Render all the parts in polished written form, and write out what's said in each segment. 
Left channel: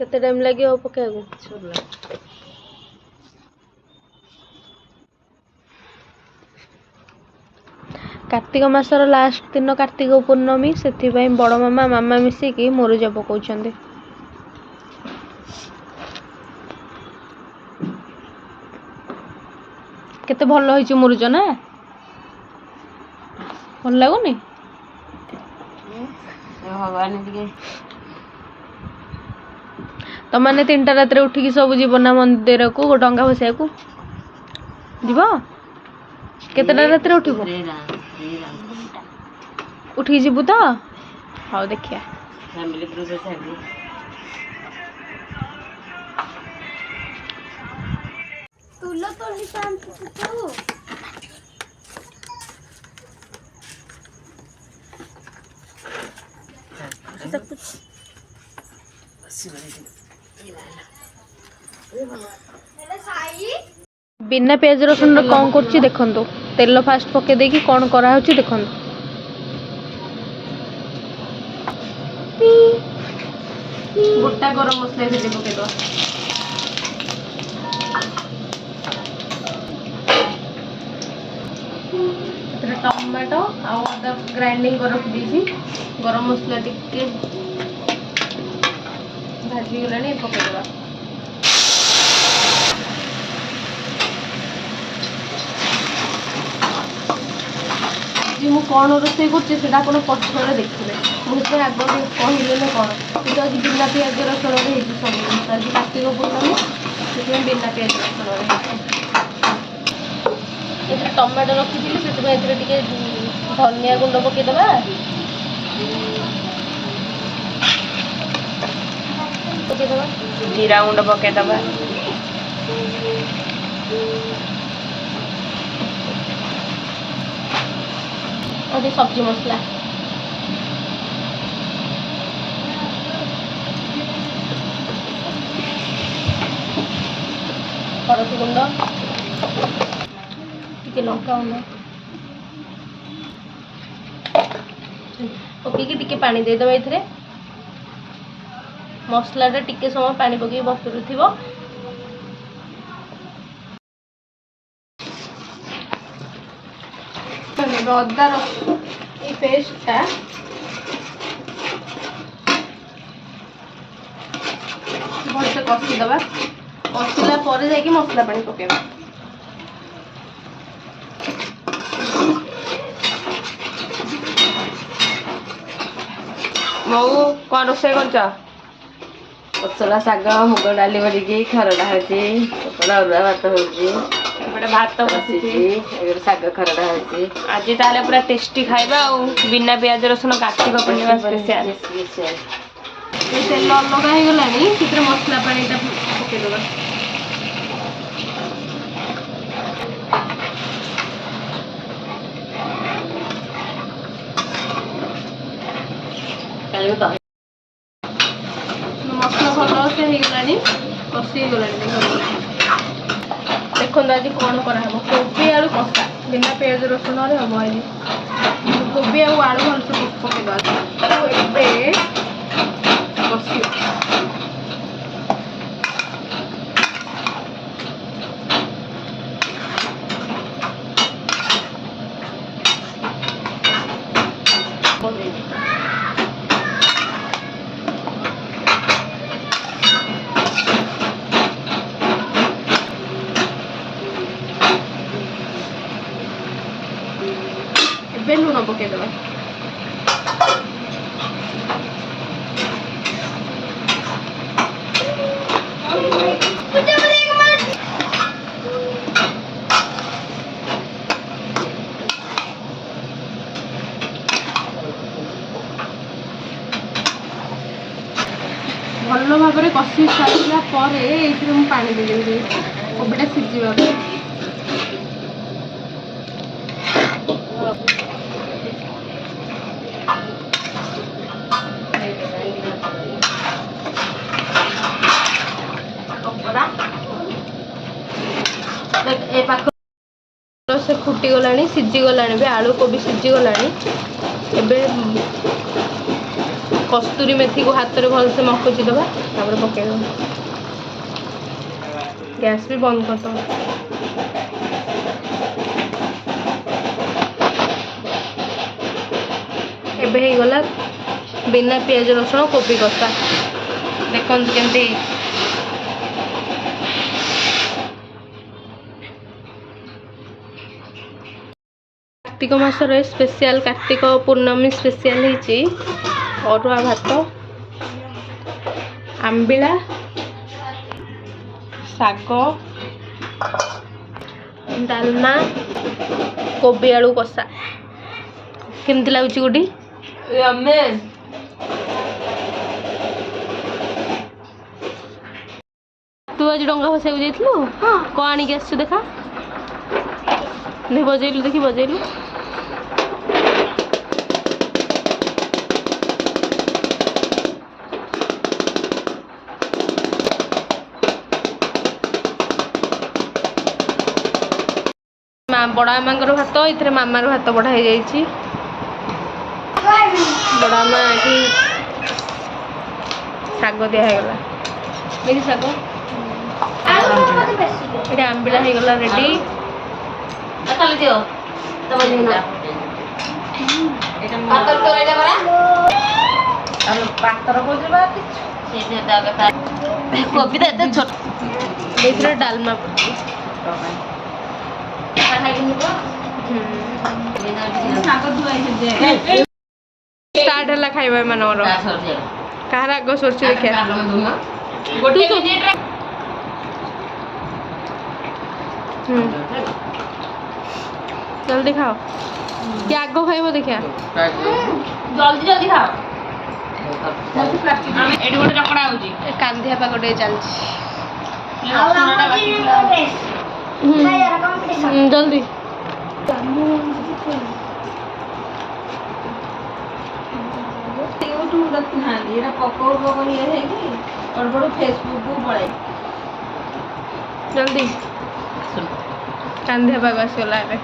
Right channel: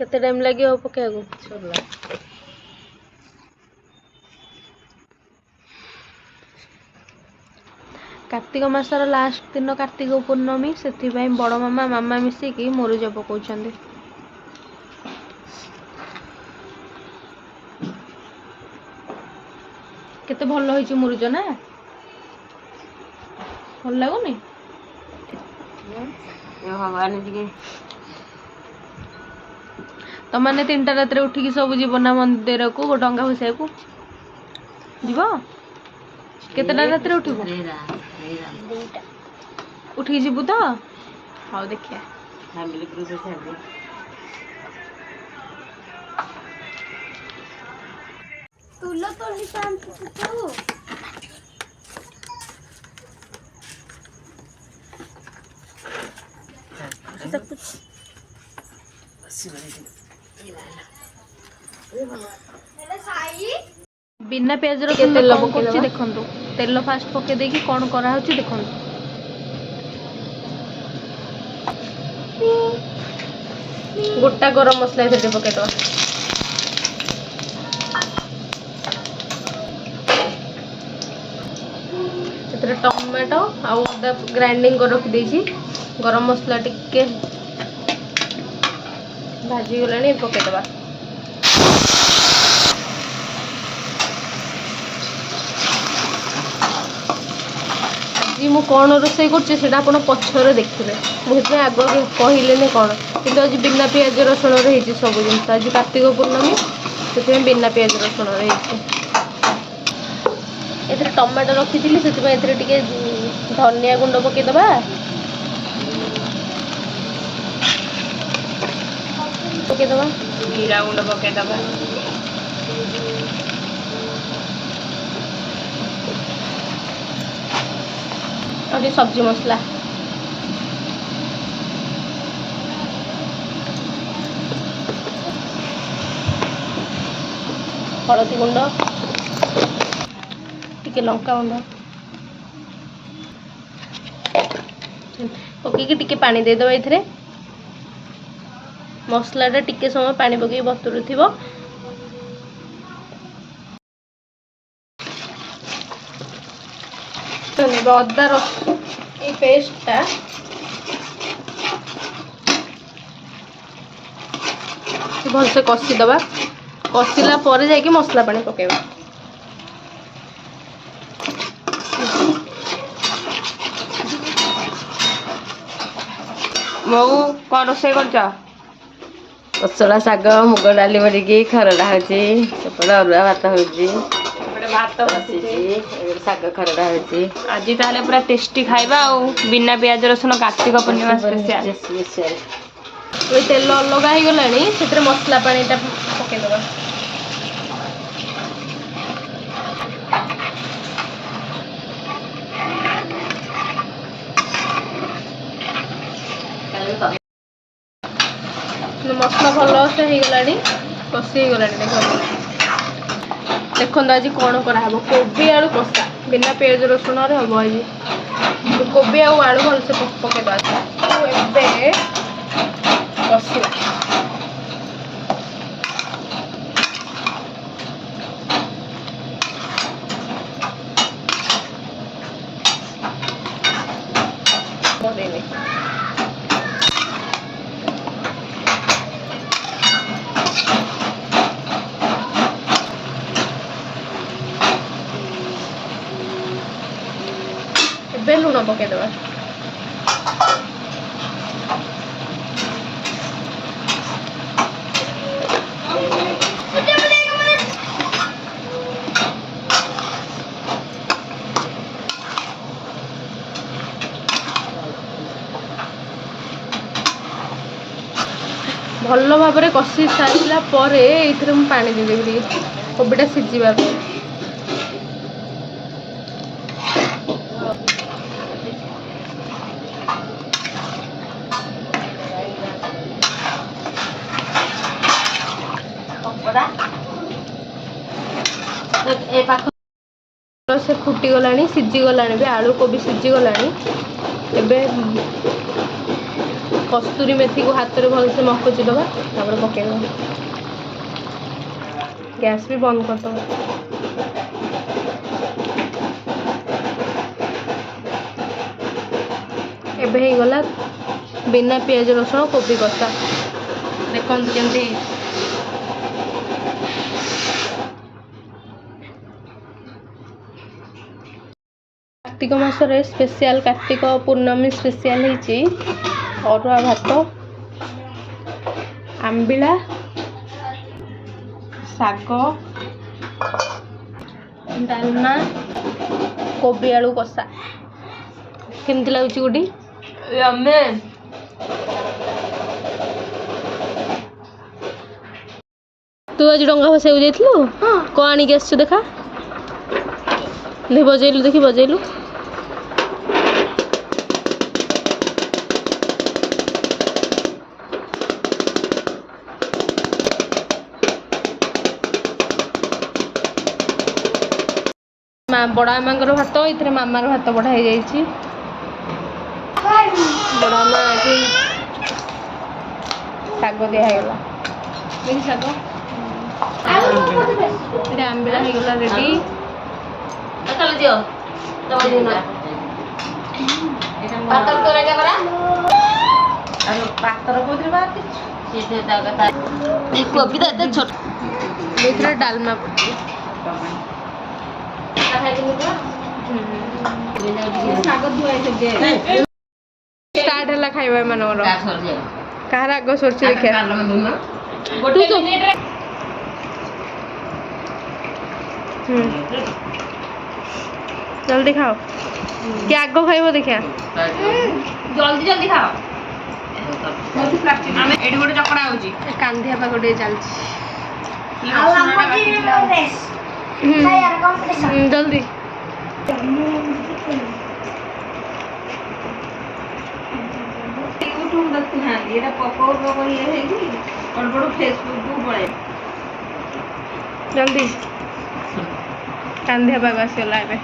केते टाइम लगे पकेको छोला कार्तिक मासर लास्ट दिन कार्तिक पूर्णमी से बड़ मामा मामा मिसिकी मुरुज पकाउछन्ते। केते भल होइछ मुरुज ना भल लागुनी भगवान टिके तमाने 3टा रात रे उठिकी सब जीवन ना मंदिर को डंगा भसिया को जीव केतेटा रात रे उठिबो उठी जीबु तो हाउ देखिया फैमिली ग्रुप छाड़ी तुला तो ही काम तू सब कुछ बिना प्याज रसुन कौन करछि देखंतु तेल फास्ट पके देकी कौन करा होछि देखंतु गोटा गरम मसला इधर पके दो इधर टमाटो आउ अदा ग्राइंडिंग कर रख देछि गरम मसला टिके भाजी गलानी पके दबा जी मु कौन रोसई कर पछर देखिले मुझे आग कहले कौन कि आज बिना पियाज रसुण सब जिन आज कार्तिक पूर्णमी से बिना पियाज रसुण ये टमाटो रखी से धनिया गुंड पकईदबा पकईदबा जीरा गुंड पकईदबा और सब्जी मसला हलदी गुंड टिके लंका गुंड पकईकी टिके पानी देदेबा ये मसला टिके समय पानी पकई बतुरु थिबो अदा रसुण ये पेस्टा भलसे कषिदबा कषिला पर जाके मसला पानी पकेबा बहु कौन रोषे कर पचला शाग मुग डाली भरिकी खरड़ा होची अरुआ भात होची भात बसी शाग खरड़ा होची आज ताले पूरा टेस्टी खाइबा और बिना प्याज रसुण कार्तिक पूर्णिमा स्पेशल ये तेल अलग हो गलानी से मसला पानी पकईदबा मसला भल से होगलानी कषि होगलानी देखो आज कौन कराब कोबी आलू कषा बिना पियाज रसुण हम आज कोबी आलू भलसे पकईबा कषा लुण पकईदबा भल भाव में कषि सारा पर पानी देदेवी कोबीटा सीझा ए पाख से फुटी गलानी सीझी गलानी भी आलू कोबी सीझी गलानी एबे कस्तूरी मेथी को हाथ में भलसे मकुची दबा तापर पकईद गैस भी बंद कर दो। एबे हो गला बिना पियाज रसुण कोबी कषा देखते केमती कार्तिक मासरे स्पेशल कार्तिक पूर्णमी स्पेशल होती अरुआ भात आंबिला शाग डालमा कोबी आलू कषा केमती लगुच गोटी तू आज डंगा भसा जाइलु कौन आणिक आस देखा बजेलु देखी बजेलु बड़ा मामार भात ये मामार भात बढ़ा हो जाइए बड़ा माँ ये शाग दिगला देखी शाग ये आंबिला हो गला रेडी डालमा पड़ी स्टार्ट है खाइबा मानवर कहार आग सरछि देखिया जल्दी खाओ कि आग खाइब देखिया जल्दी जल्दी खाओ एडी गोटे चकड़ा होची कांधिया पाग टे चलछि जल्दी यूट्यूब देखु हांदी एटा पकोड़ पकोड़ ये है कि और बड़ फेसबुक को पड़े जल्दी कांधिया पाग आसीगला एबे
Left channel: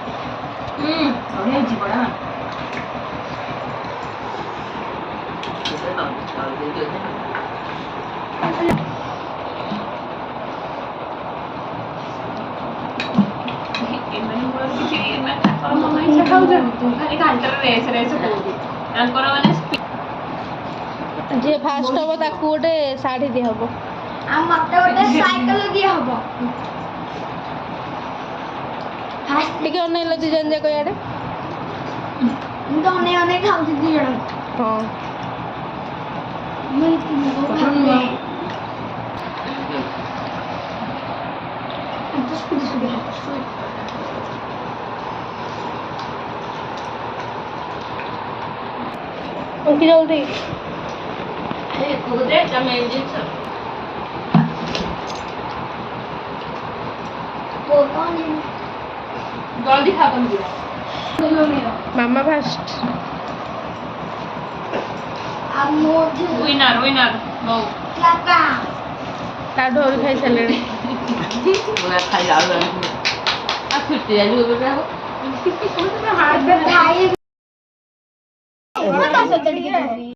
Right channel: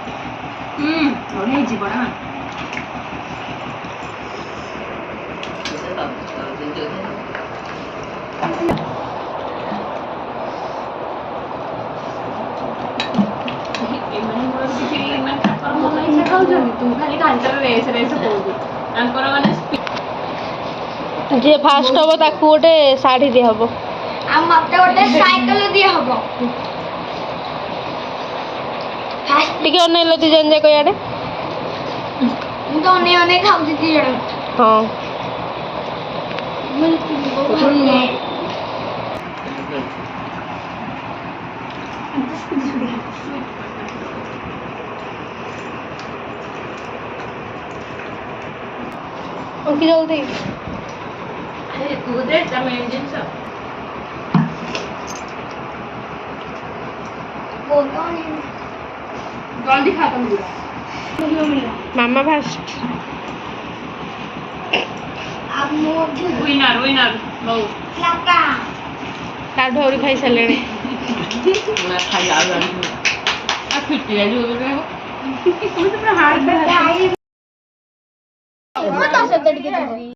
बढ़िया जी बड़ा जे फास्ट हम ताकू गोटे शाढ़ी दि हम मत गोटे साइकिल दिया हम टिके अनेल दी जन जाक याडे तो अने खाऊ दी जण हाँ उनकी जल्दी वो कौन है जल्दी खा तुम मामा फास्ट अब मोद विनर विनर नो लगा लाडू और खाई सारे पूरा खाई आ फिट जाइए भाई मत आ सकते